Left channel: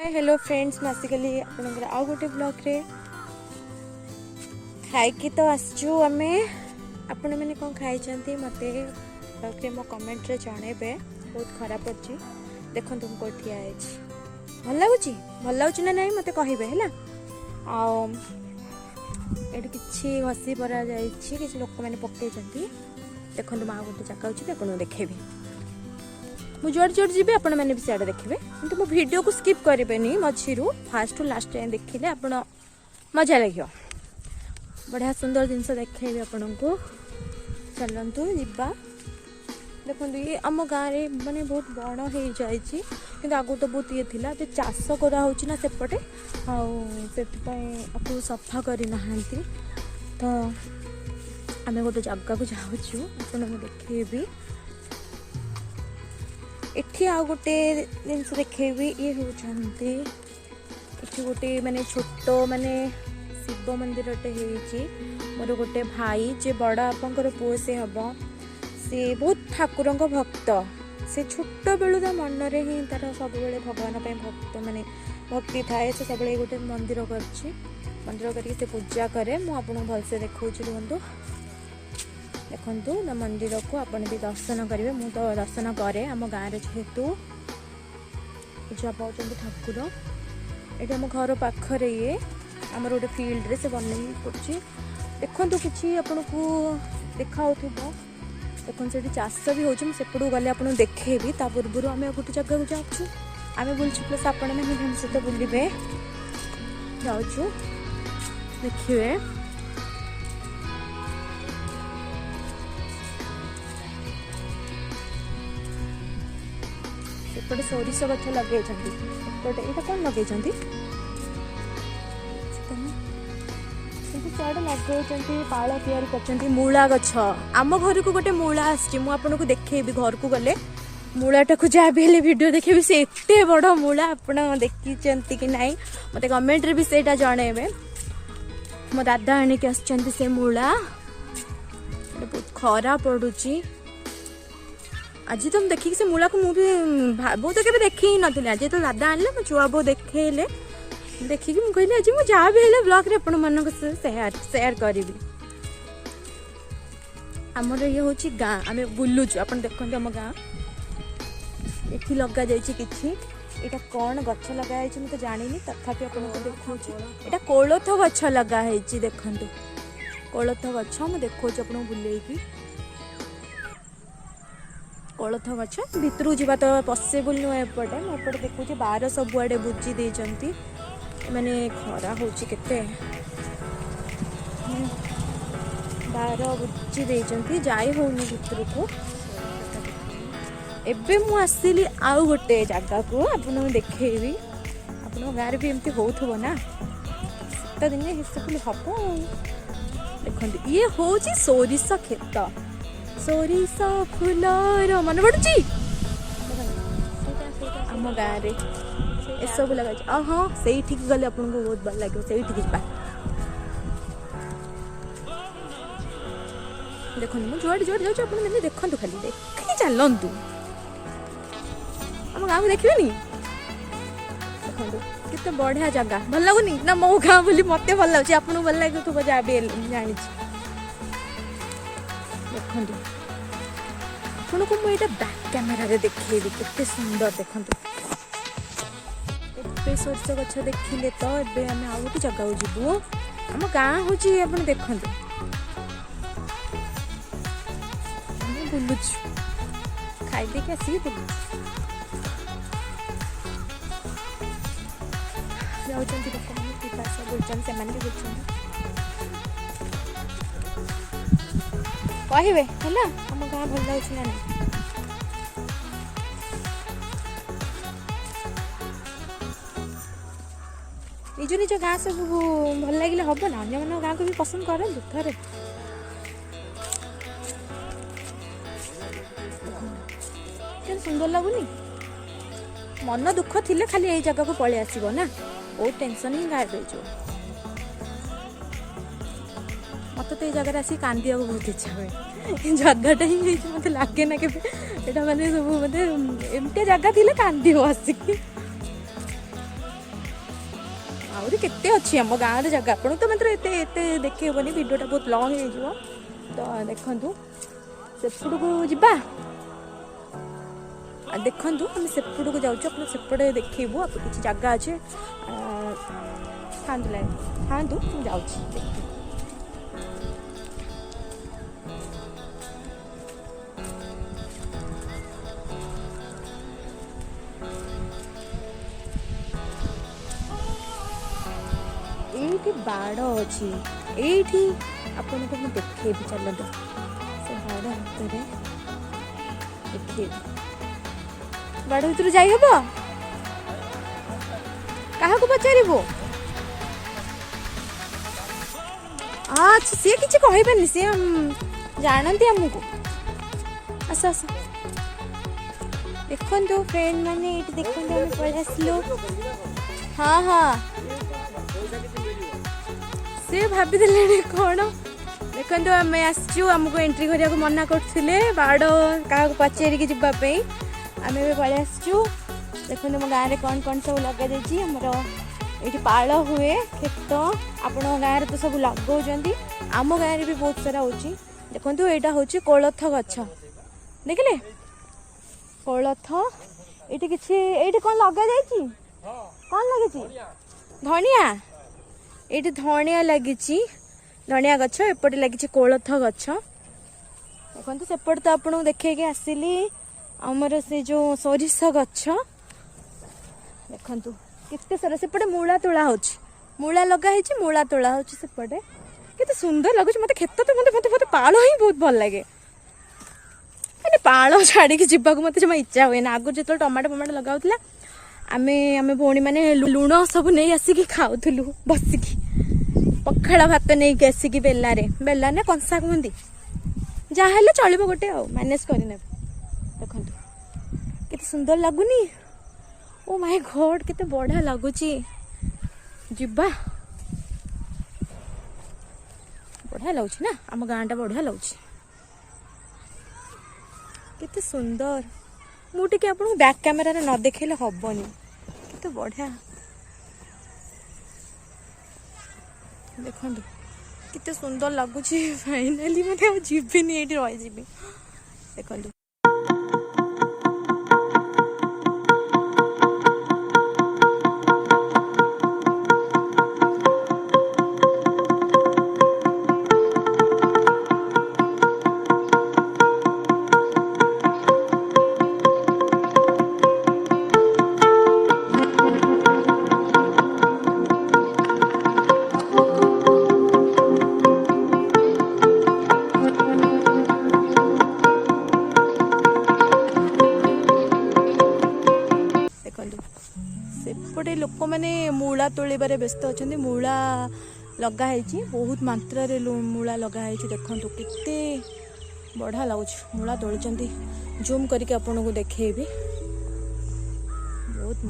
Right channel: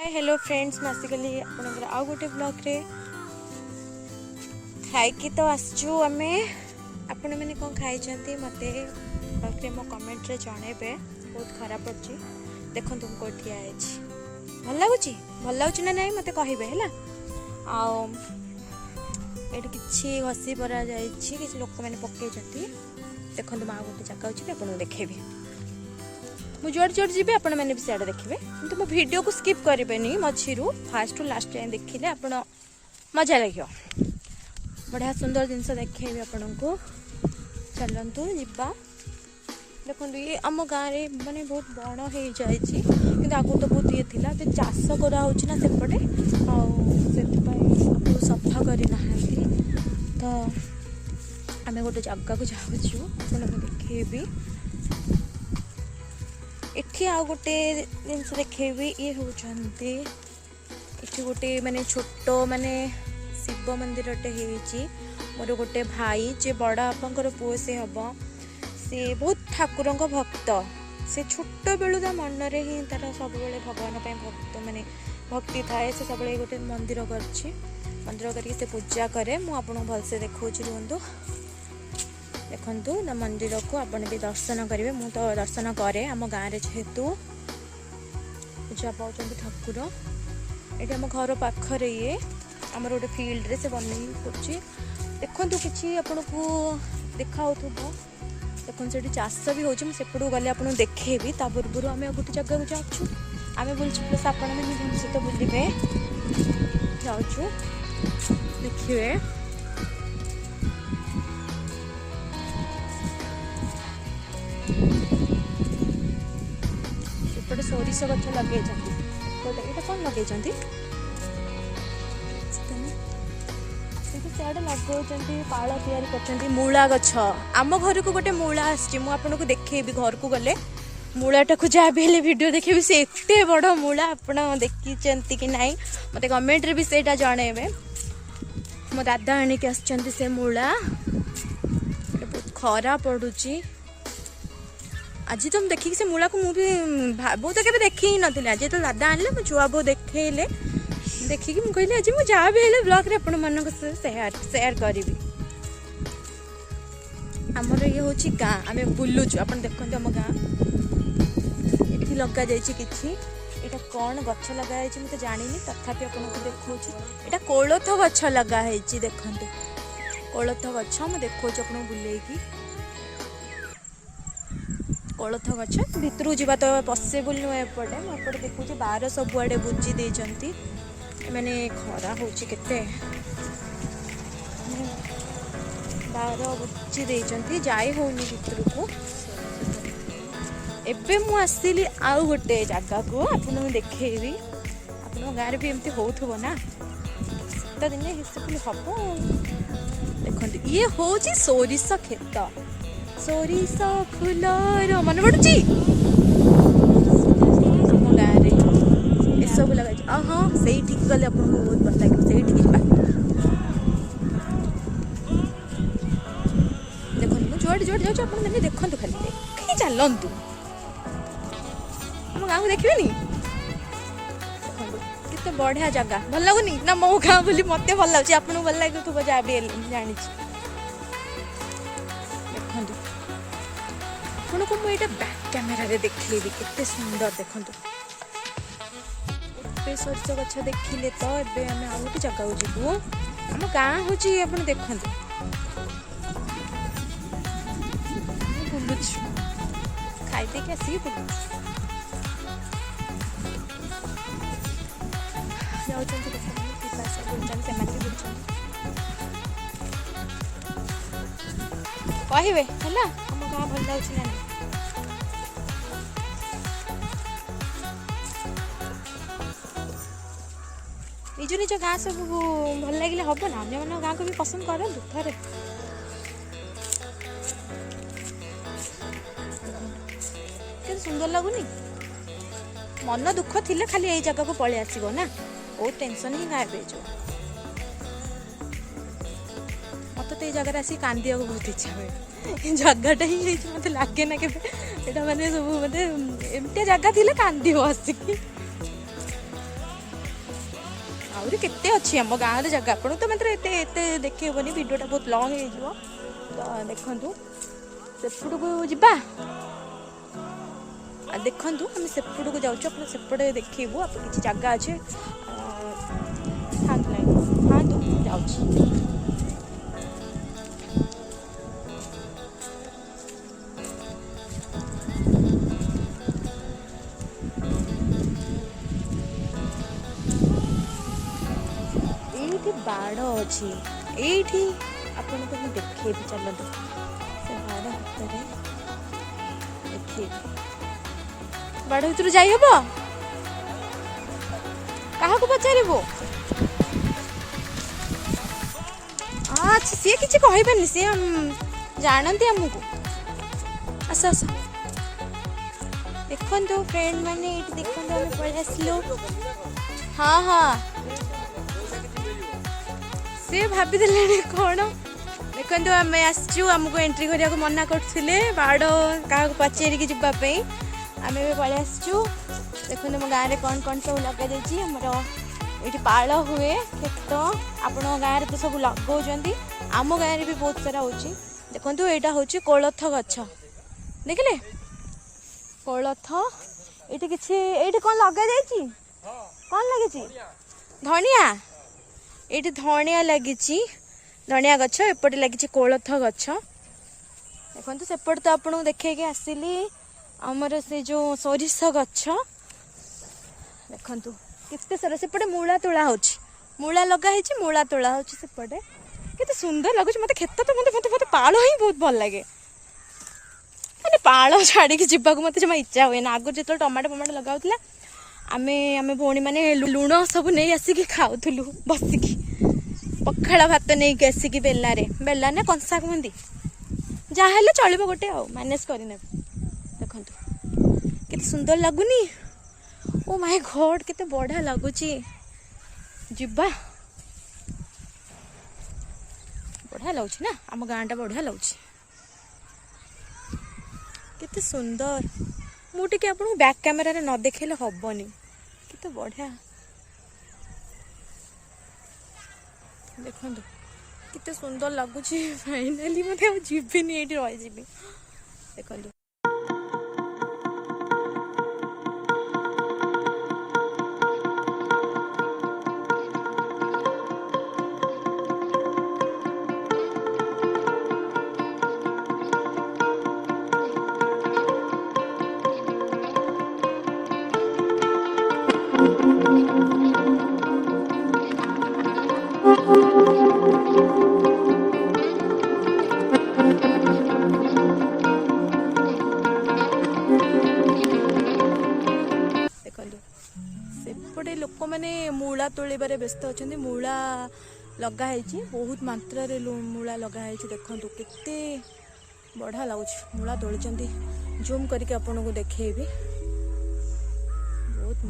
Hello friends नासिकली आपनकर आउ गोटे ब्लॉग रे खाइकी तो आसचु आमे आपण मैंने कौन खाई मत मो कमेंट रे जनइबे। बहुत खराब अच्छी देखो तुम को ठिया भल लगुच ना नहीं मत कहे है कि घसी परा कि लोक मैंने पकई देखो तुम आ गोटे जगह अच्छी आपको देखेबी मुझे जोड़ जोड़ जी आपण मैंने भी सियाड़े देखिए किंतु मो वीडियो को स्किप करेंगे मझी फास्ट टू लास्ट टाइम देखिले आपण मजा लगे बढ़िया सुंदर जिनस देखे आपण को चलतु जा देखो ये आम गाँव में मानने बहुत बड़ हो जाए आगु तो बहुत ये थी तो चाष कराना सेपटे आप सफा करना तो आम गोटे जगह को जाऊँ आप देखेबी एठी आ गोटे जिन देखेबी ये होती गोटे माने छोट माने शिव मंदिर मोर गोटे भाई जे बड़ बापांकर पुओ से हम से बहुत ठाकुर भक्त से छोट बेलू ता मन रे ही तार सब भगवान भक्त माने भक्ति थाए से सब गोटे मंदिर मंदिर करके पूजा करे मुझे भलसे देखा रुहतु देखु ना मंदिर को आपन भी दर्शन करेंगे मु तो दर्शन करे आम गाँव जेहेतु पूजा पाँच ठाकुर ये आम घर पाखरे ये आम गोटे फिल्ड रे से बन कर देखु कि आपन को देखा देखो से चाष भी होपटू गले आप देखेबी ता पूर्व आम गोटे जगह को जाऊँ आम बुलूँ प्लस आपण मैंने सहित बुलवे जाऊँ देखिए एपटे सोरिष गछ लगे यहाँ कौन लगे सियाड़े लगे पाल या मूला गछ आम घर को गोटे मूला आपको देखेबी घर को गले मूलाटा को जहाँ भी वीडियो देखेबी से एते बड़ मूला आप देखी कि नहीं मत कमेंट रे भी सेटा जणेबे मो दादा आनिक आसछन्ती से मूला बहुत खरा पड़ुची आज तुम देखिए से मूला को मुझे बहुत के देखी ही नी आज तो दादा आने मो छुआ बो देखले देखिकी मुझे कहली आज मुझे जहाँ भी है ब्लॉग आपण मान सेयार करी आमर ये हूँ गाँ आम बुलुचु आप देखते आम गाँ ये लगा जाटा कौन गछ लगा मत जानी तथापि आपको देखा यहाँ कोलथ गछ लगा देखते कोलथ गछ मुझे देखा अपने बुलेकी कोलथ गछ भितर जावा तो पॉसिबल नुह एपटे मुझे देखुची बार सबुआड़े बुझी देती मैंने खरा होते बार बुझी देती जाई होनी भितर को एबे मु आसली आउ गोटे जगह को आपको देखेबी आप गाँव भी एमती हो ना शीत दिने हिसाब हम देखते ये हूँ सोरिष खेत सोरिष फूल मन पड़ी सब लगा हाँ से गले आपको बहुत भल लगे से देखो मुझे जुआड़े जुआड़े जाऊँ आप देखो खाली देखी चलतु आम गाँव देखिए देखो कितने बढ़िया जगह भल लगुनि ना मो गाँव बोली मत भल लगे आपको भल लगे तू जहाँ भी जानी देखो आपको मुझे बैक कैमेरा देखिए केते सुंदर देखो एते सोरिष गछ देखिले तो ए आम आउ गोटे जगह को जीवु आम गाँ हूँ आप देखते बुलु खाई देख आसी बुलु कहे है ना आम गाँ भल लगे ना निज निज गाँ सब भल लगे हम ना अन्य मन गाँव को भी पसंद करते थे सुंदर लगुनि मन दुख थी खाली यही जगह को पलि आसो ना बहुत टेंशन ही गायब हो मत तो ये जगह आसिक कांदा बहुत इच्छा हुए जगहटा ही मत लगे ना के माने सब मतलब एमती जगह थी कांदी आसिक आहरी केते अच्छी आम गाँव जगह आपन तो मतलब एत देखनी भिडटा बहुत लंग हो तो देखु सेपट को जा देखु आम सेपट को जाऊँ सेपटे देखू आप किसी जगह अच्छे हाँ जाऊँ ये बाड़ अच्छी ये आपन को देखे चलते से बाड़ हाथ देखे बाड़ भर जाइब क्या पचार अच्छा सी किसी कहबेनि सी जानते आमको आस आस देखो फ्रेंड मैंने ये देखो आम पलि आसलु हाँ हाँ सी भाभी कौन देखो आम आसचु आमको एंट्री करने मना करते बाड़ क्या पचारिकी जावाई आम पलि आसचु देखो मो गाँव में कौन कौन सब लगे आमर ये पाल हुए खेत आपण गाँव तो सब लगे आम गाँव में भी बहुत सारा हो देखो यहाँ हूँ कोलथ गछ देखिले कोलथ ये किसी ये कौन लगे कौन लगे धनिया ये धनिया लगी धनिया गछ एपटे लगी कोलथ गछ देखो सेपटे तो आपको देखे आसिली आमर से जो सोरिष गछ देखु केते सारा सेपटे मूला तोड़ा मूला लगा मूला तोड़ा सेपटे केते सुंदर लगुच मत खेत तो मत मत पाल ही बहुत भल लगे मैंने पाल छाड़ी जावाक मत जमा इच्छा हुए ना आगु जो टमाटो फमाटो लगाऊला आमे आमे भौणी मैंने लुण सब नहीं आसिकी खाऊलु बसिकी पखाड़ भात नहीं आसिकी बेला ना कंसा कहती जहाँ चलो गोटे आ मैनेज करने देखते केते सुंदर लगुनी ओ माय गॉड केते बढ़िया लगुच जीवा बढ़िया लगुच ना आम गाँटा बढ़िया लगुच केते सुंदर मुझे आपको बैक कैमेरा रे न देखेले हबनी केते बढ़िया देखो केते सुंदर लगुच फाइनाली मत जीविनी ये रही देखो सेपटे लोक मैंने मूला तोड़बार व्यस्त अच्छा मूला लगाई बहुत मात्रा रे मूला लगाई देखु केते बढ़िया लगुच मूला तोड़ी जूम करके आपन को देखेबी बहुत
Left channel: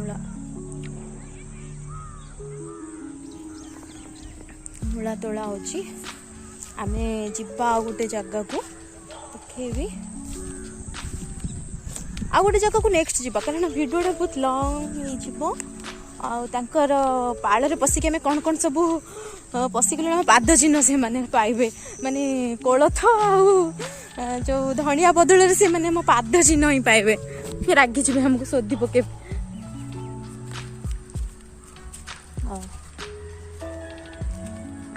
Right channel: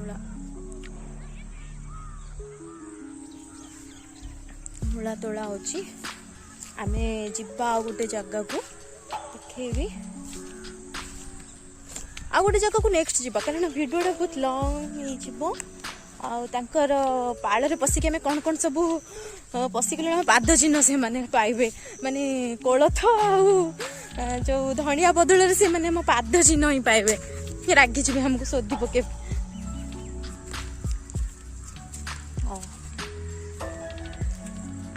मूला तोड़ा होची आमे जिब्बा गोटे जगह को देखेबी आ गोटे जगह को नेक्स्ट जावा कारण भिडियोटा बहुत लंग आर पाल पशिक आम कौन कौन सब पशिगले पाद चिन्ह से माने पाइबे माने कोलथ जो धनिया बदल से माने मो पाद चिन्ह ही पाइबे फिर रागी जी हमको सोधी पके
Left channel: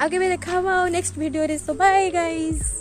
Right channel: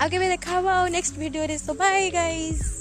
आगे भी देखा नेक्स्ट वीडियो रे सो बाय गाइस।